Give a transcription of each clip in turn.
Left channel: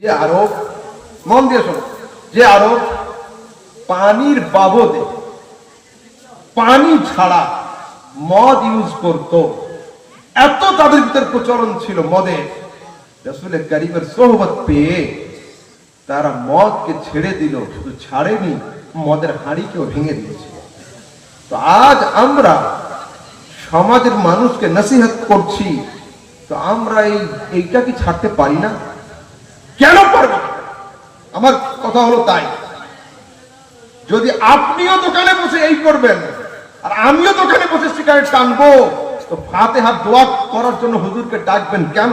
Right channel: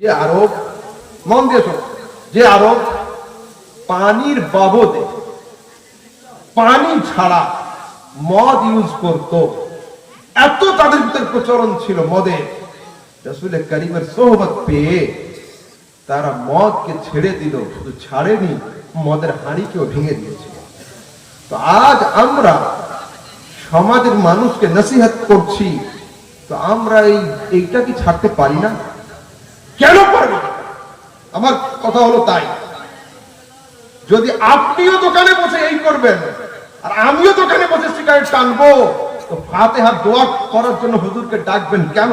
যে আরব, মন দিয়ে শোনো, যে আরব পানির বাবদে পানি ছাড়া মদ ইউজ করত, এত তাদের ভিতরে প্রচলন ছিল মদে। রসুল করিমের সোহবত পেয়ে তারা মদকে ছেড়ে দিল, শুধু ছাড়েনি, মদের হাঁড়িকেও ভেঙে দিয়েছে। তো আজ আমরা সমাজের মানুষকে নসিহত করছি, তো আমরা এই, এইটা কি ছাড়তে পারি না? কেন পারব? আমার কথা হলো তাই। যদি আপনিও দোকানে বসে এই করবেন, আর আমিও দোকানে বসে সিগারেট টানবো, তো ফাতে হাত দোয়া করার জন্য হুজুরকে ডাকবেন কেন?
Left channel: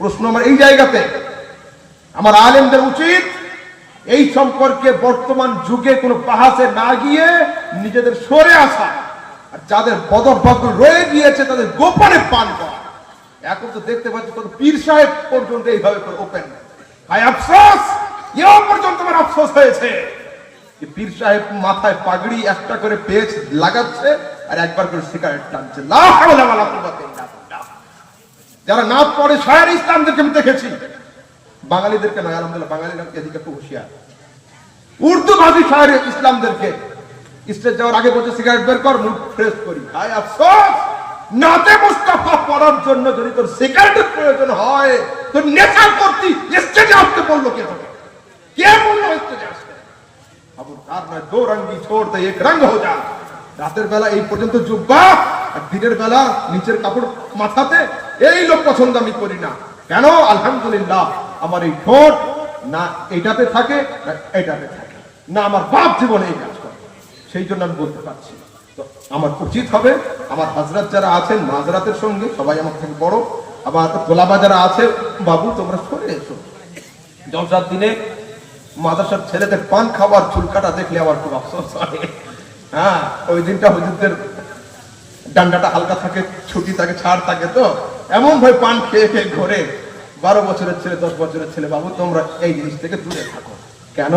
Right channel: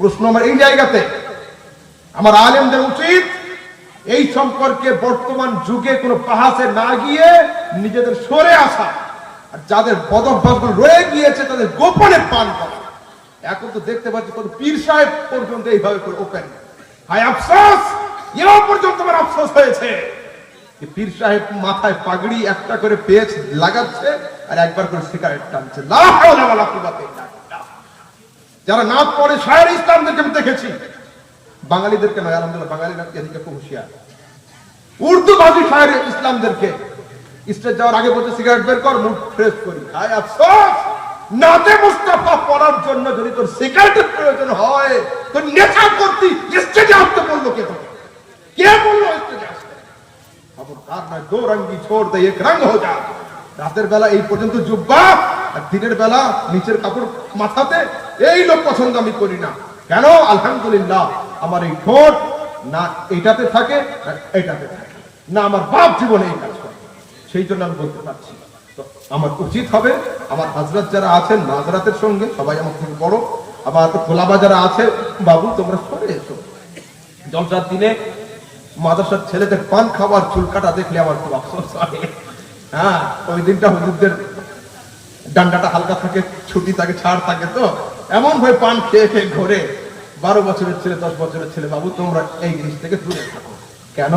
প্রশ্ন আমার এই জায়গাতে। আমার আলেমদের উচিত এই সম্পর্কে বর্তমান যুগে কোনো পাহাসে না গিয়ে নিজেদের সরে আসা। আর যাদের বদভ্যাসগুলো রয়ে গিয়েছে, তাদের গোপনে পান করা। এখন তো দেখতে পাচ্ছি তোর পীর সাহেব পর্যন্ত এইভাবে ওপেন ভাই, আফসোস! এও পর্যন্ত আমার আফসোস হয়েছে। পীর সাহেব মাথায় পাগড়ি একটা করে পেজ লাগাচ্ছে আর একবার করে সিগারেট টানছে। যারা না পড়ে, শায়ের ইসলামদেরকে আমি দেখেছি। বাঙালিদেরকে নয়, আলহামদুলিল্লাহ, বাঙালিরা এদিকে একটু হুঁশিয়ার। উর্দু ভাষী শায়ের ইসলামদেরকে। স্টেজ যাওয়ার আগে বলছে, সিগারেট বের কর মুখ ফ্রেশ করি। হায় আফসোস! রাতের বেলা এই পর্যন্ত জুব্বা, আর দিনের বেলা নিচের কাপড় মাথাতে এই লোক পছন্দ আমি করি না। কেন? আলহামদুলিল্লাহ, আমার এই ঠোঁট না এটাতে থাকে, না এটাতে থাকে। না, আমার বাপ জীবনে এই কাজ করে। সেই জন্য আমি বলতে পারছি আমার উচিত হবে, আমার হাজরাত যারা আছেন নাজরাতের সঙ্গে সবাই আমার থেকে বড়, আবার তোলাবা যারা আছে, বাবু, তোমরা সরে এসো। জলসার দিনে মাদ্রাসার ছেলেদের পান খাবার চুল কাটা দেখলে আমার খুব আফসোস হয়। হ্যাঁ ওই দিনটা হুজুরদের ডান্ডাটা হালকা থাকে, ছুটি থাকে, ছাড় থাকে তো। এমন ভাবে পান খেয়ে খেয়ে ঘোরে। বারো বছরের ছেলে, দশ বছরের ছেলে, বাবু, তোমরা এই জিনিস থেকে দূরে থাকো। কেন?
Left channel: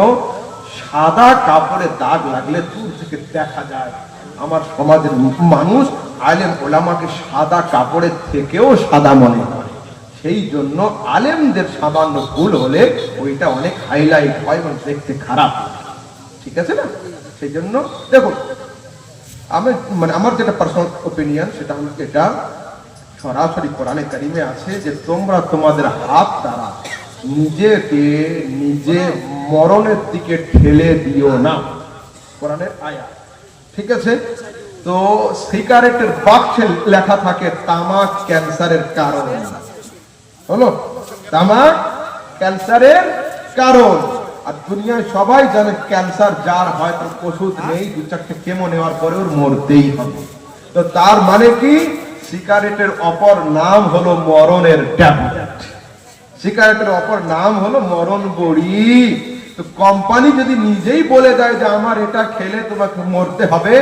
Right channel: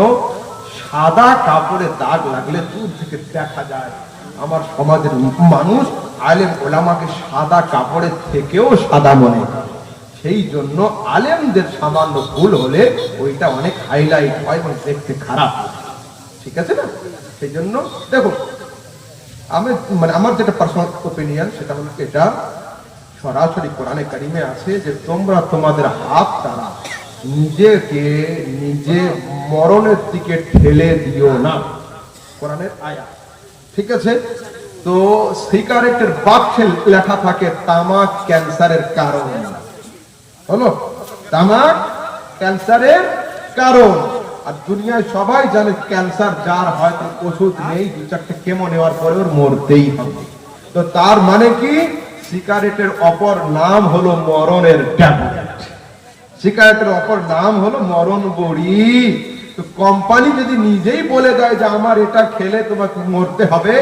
সাদা কাপড়ে দাগ লাগলে দূর থেকে দেখা যায়। আমার সমাজের মানুষ আলেম ওলামাকে সাদা কাপড়ের থেকেও সাদা মনে সেই জন্য আলেমদের সামান্য ভুল হলে ওইটা অনেক হাইলাইট হয় মানে দেখতে খারাপ। ঠিক আছে না? সেই জন্য দেখুন, আমি মানে আমার যেটা পার্সোনাল ওপিনিয়ন সেটা হলো এটা সরাসরি কোরআনে কারিমে আছে যে তোমরা তোমাদের হাত দ্বারা নিজেকে নিজে মরণের দিকে ঠেলে দিও না। কোরআনের আয়া ঠিক আছে? তো সিগারেটের বাক্সে লেখা থাকে, তামাক ক্যান্সারের কারণ। হলো? তামাক ক্যান্সারের কারণ। আর দুনিয়ায় সবাই জানে ক্যান্সার যার হয়, তার ওষুধ নেই, দু চারটে কেমো নেওয়ার পরে ওর মরতেই হবে। তো তার মানে কি? সিগারেটের অপর নাম হলো মরণের ট্যাবলেট। সিগারেটের অপর নাম হলো মরণ বড়ি। তো কোম্পানি যদি নিজেই বলে দেয় যে আমার এটা খেলে তোমাকে মরতে হবে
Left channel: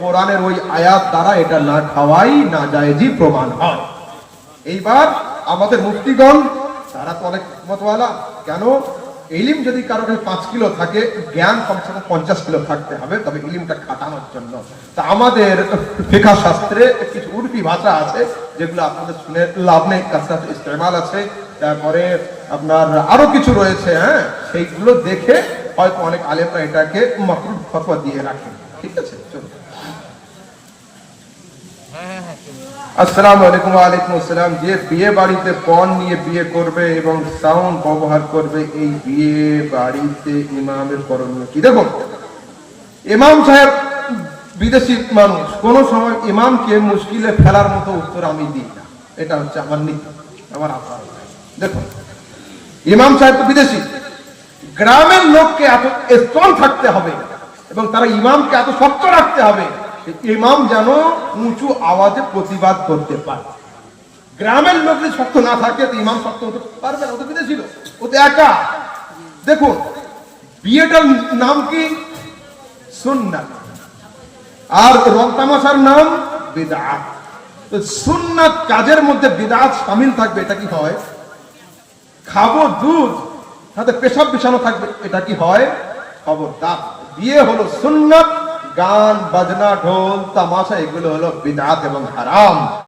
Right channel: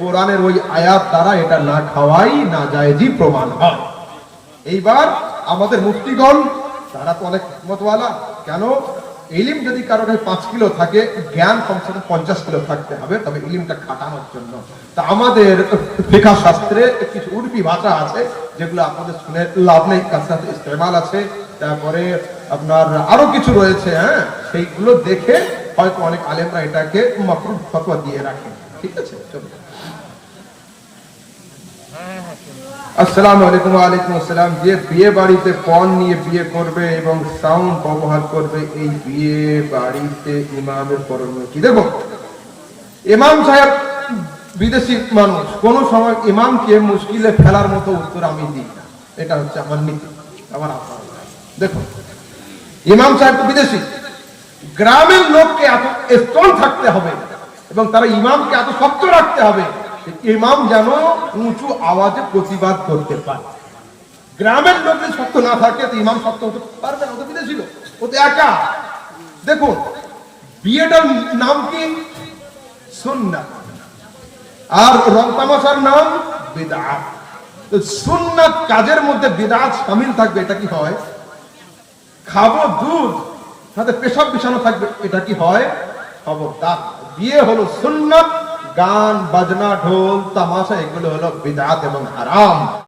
কোরআনের ওই আয়াত দ্বারা এটা না খাওয়াই না জায়েজই প্রমাণ হয়। এইবার আমাদের মুক্তিগণ তারা তো অনেক মতওয়ালা কেন? ইলিম যদি কারও পাঁচ কিলো থাকে, জ্ঞান কমসে কম পঞ্চাশ কিলো থাকতে হবে, তবে ইলিমটা খাটানোর জন্য। তা আমাদের ফিকা শাস্ত্রে কিছু উর্ফি ভাষা আছে, যেগুলো আপনাদের শুনে লাভ নেই তার সাথে ইস্তেমাল আছে তারপরে আপনার আরও কিছু রয়েছে হ্যাঁ? সেইগুলো দেখে হয়তো অনেক আলেমরা এটাকে ফতোয়া দিয়ে রাখে। ঠিক আছে? কি ইমাম সাহেব বিদেশি মানুষ। কোন সময় ইমামকে মুশকিলে ফেলার মতো উত্তর আমি দিই না। এটা হচ্ছে আমার নীতি। আমার আশা দেখুন, ইমাম সাহেব তো বিদেশি। গ্রামের লোককে এত স্ট্রং থাকতে হবে এবং তারা ইমামকে এত শক্ত রাখতে হবে ইমাম যেন উঁচু আওয়াজে প্রতিবাদ করতে পারে। গ্রামের লোক যদি শক্ত না থাকে, তো ইমাম শক্ত হতে পারবে না, ও তো বিদেশি লোক, ও তো একা। দেখুন, বিয়েটার নাম কি? সুন্নাত আর রং তামাশার নাম বিদআত তো সুন্নাত কাজের মধ্যে বিদআত সামিল থাকবে, এটা কি হয়? খাব দুধ সাথে পেশাব বিছানো থাকবে, এটা কি হয়? খবরদার। বিয়ে হলো সুন্নাত, গান, বাজনা, ঢোল, তামাশা, এগুলো হলো বিদাত এবং হারাম।